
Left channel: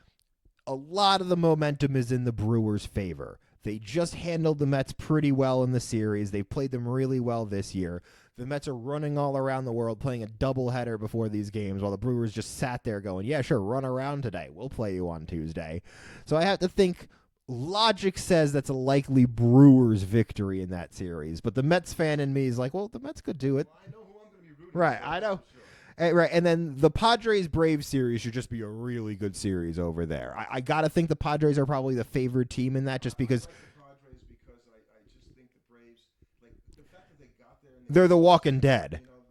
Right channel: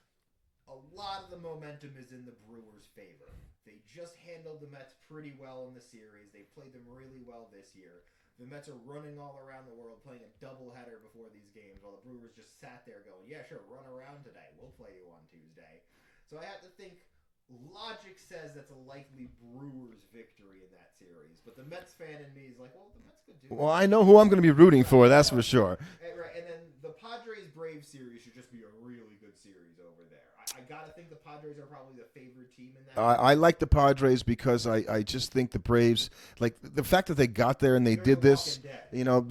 a lot of the momentum is in the Brewers' favor. They just handled the Mets pretty well in the series. They played them really well this year. The Mets are running all around the world playing a doubleheader before these games while the Brewers just sat there going, yeah, sure, run around today. We'll play you on Tuesday. So I have to think logic says that's a likely Brewers victory in that series. But the Mets fan in me is like, well, the Mets could do it. Well, I know who I'm going to be rooting for, that's I know. for sure. Right, and then the Padres-Braves series should just be a really good series over there. I got to think the Padres are probably the favored team in that. Just I like the Padres because I just think the Braves, like the fact that they got there and they're did the this, Walking Dead. You know,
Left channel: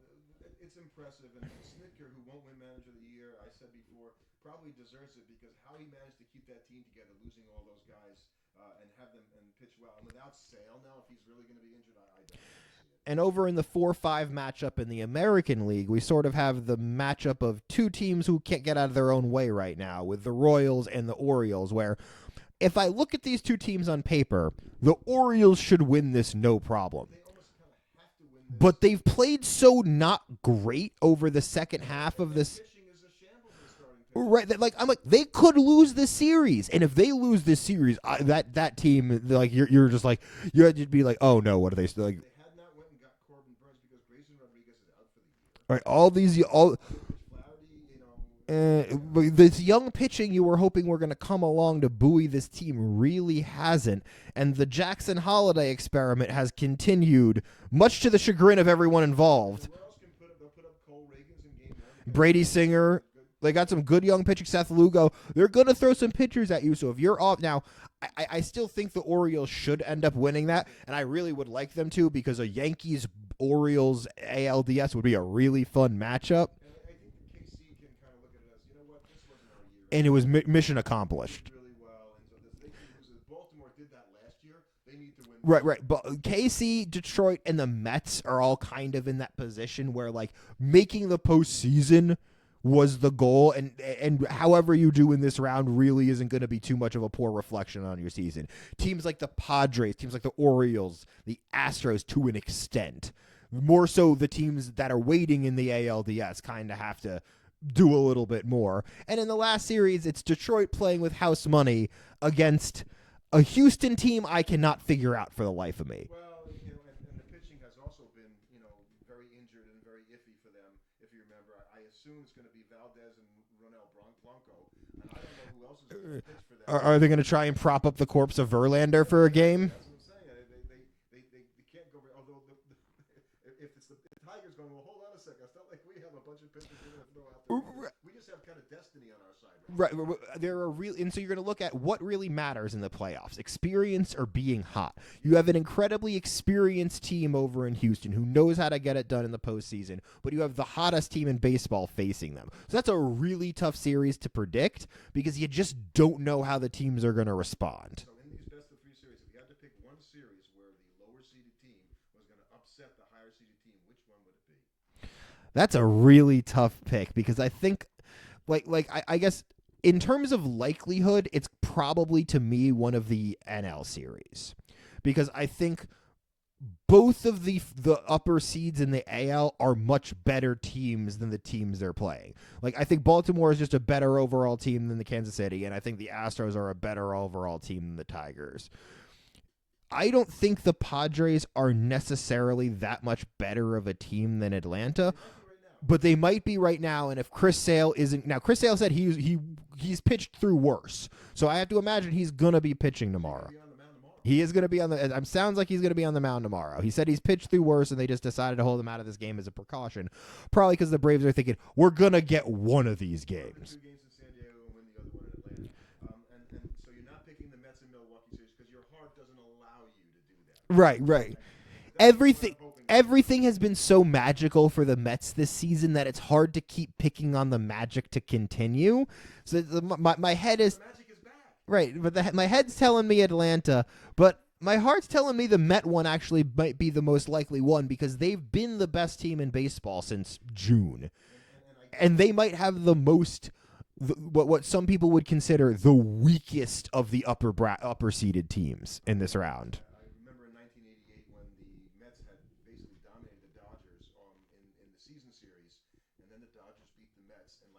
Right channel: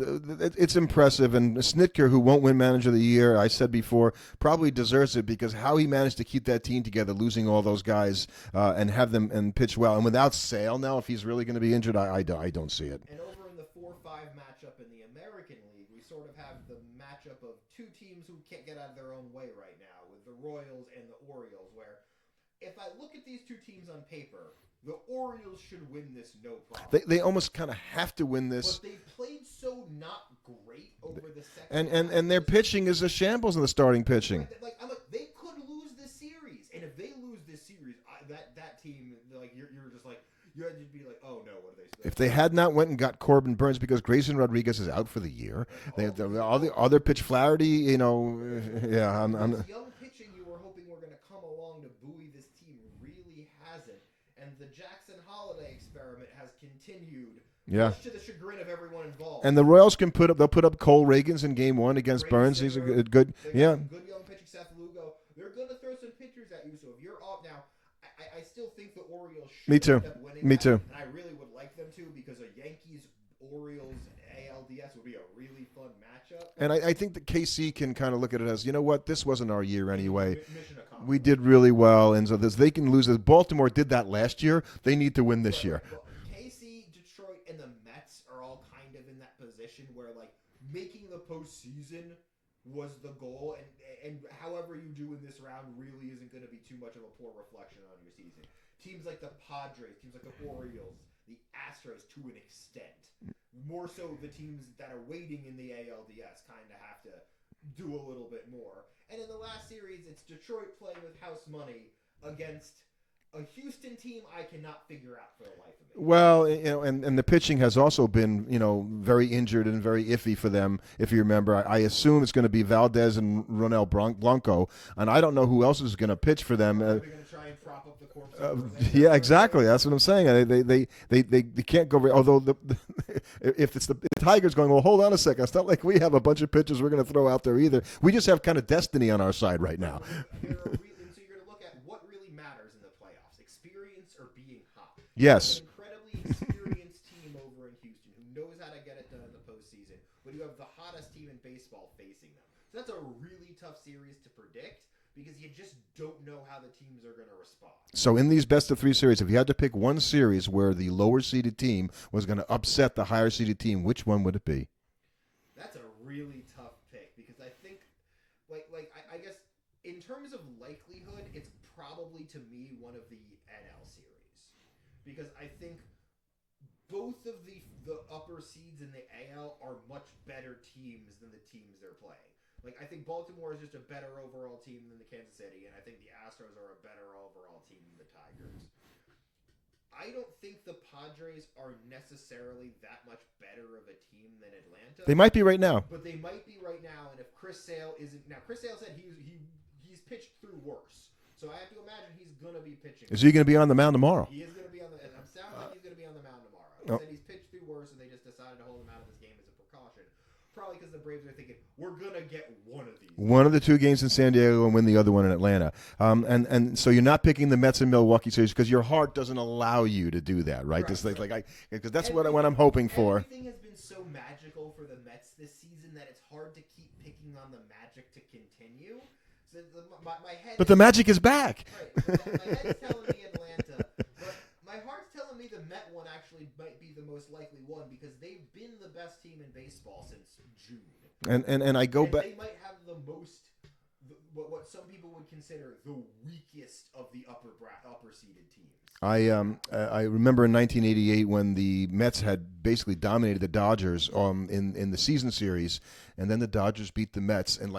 it's impressive. And Snitker, who won't win Manager of the Year, I said before, probably deserves it because how he managed to keep that team together, losing all those guys and have them and pitch well. And without Sale now, if he's really going to be injured, I don't see it. And over in the 4-5 matchup in the American League, we sort of have the matchup of two teams who can't get out of their own way right now with the Royals and the Orioles, where if I look at these two teams on paper, the Orioles should win this no problem. They almost kind of have to win this. But they've played so not great over the second half. And their pitching is a shambles in the starting pitching. Right, I'm like, they could lose this series. And if they lose this series, that team, like you're just like, you'd be like, oh no, what are they still? Like, if they had not went and got Corbin Burns because Grayson Rodriguez is out for the year. Right, other pitch Flaherty, you know. This young pitching you were hoping were going to come along to buoy this team really hasn't. And the Jackson Holiday experiment has continued, much to the chagrin of everyone involved. And the Royals they'll put up Cole Reagans in Game 1 against Brady Burns. Singer. Good. They got some good young pitching. Seth Lugo. They're going to throw some pitchers at you. So if you're off now, I still think the Orioles should end up winning that. Me too. And I really would like them to because a Yankees-Orioles ALDS would be a really fun matchup. And I think that KC can kind of look at it as, you know what, this wasn't our year anyway. And it was mission accomplished. We did really well, and so they can lose. As Baltimore did that last year, they need to win this year. Right, but KC, Detroit, and the Mets are all kind of in that position where, like, making the postseason was the goal, and however you do in this round really isn't going to be too much of a poor reflection on your season. Teams like the Padres, teams like the Orioles, the Astros to an extent, more so the teams that are waiting in the ALDS kind of have to do a little bit more. And in the last series, it's Detroit playing with house money against a Houston team I cannot figure out for the life of me. Well, you know, and the pitching has also been, you know, very injured and very iffy for them. If you remember, I assume it's going to be Valdez and Ronel Blanco, and I don't know who else is going to pitch for them. Are they going to try and prop up the corpse of Verlander? Yeah, for exactly. A game? That's what I'm saying. They can't go. Although if it's the Tigers going, well, hold on a second. It's not like we have a bunch of pitchers we're going to throw out there either. We just have kind of destiny on our side right now. There are and so you're going to look at what really matters in the playoffs. Experience or being hot. Yes. You have an incredibly experienced team over in Houston who knows how to get it done in the postseason, but you have the hottest team in baseball facing them. So that's a really tough series to predict because you just don't know how the teams are going to respond. So in these best-of-3 series, if you had to pick one series where the lower-seeded team was going to upset the higher-seeded team, which one would it be? That's a really tough pick because I think, I guess, in terms of likelihood, it's probably, to me, one of the NL series. Because I think both of the upper seeds in the AL are much better teams than the teams they're playing. Like, I think Baltimore is just a better overall team than the Kansas City, and I think the Astros are a better overall team than the Tigers. I don't think the Padres are necessarily that much better of a team than Atlanta. They might be right now. But they might be right now, and if Chris Sale isn't... Now, Chris Sale said he's pitched through worse. So I have to imagine he's going to be pitching tomorrow. Is he going to be on the mound tomorrow? He is going to be on the... It sounds like he's going to be on the mound tomorrow. He said he's pitched through worse, and they just decided to hold him out of this game as a precaution. Probably because the Braves are thinking, we're going to get one of these games. One of the two games in San Diego and win the other one in Atlanta. And so you're not picking the Mets and Milwaukee series because your heart doesn't allow you to do that, right? Right. Because that's what I'm hoping for. Everything has been so magical for the Mets this season that it's hard to keep picking on the magic to continue. So my head but the magic is back. Right, but my head's telling me Atlanta, but my heart's telling me the Met one actually might be the most likely one because they've been the best team in baseball since June. And I go and back. They might have the most what some people would consider the weakest of the upper seeded teams in this round. I remember in 1988 when the Mets had basically dominated the Dodgers in the season series, and then the Dodgers beat the Mets, and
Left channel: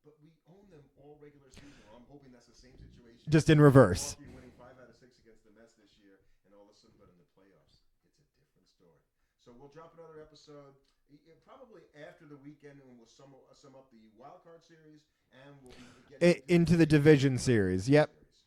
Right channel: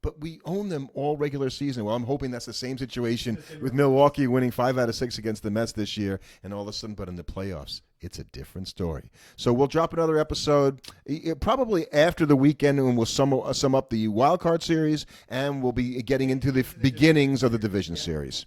but we own them all regular season. Well, I'm hoping that's the same situation. Just in with reverse. Milwaukee winning 5 out of 6 against the Mets this year, and all of a sudden, but in the playoffs, it's a different story. So we'll drop another episode probably after the weekend, and we'll sum up the wild card series, and we'll be getting into the beginnings of the division series.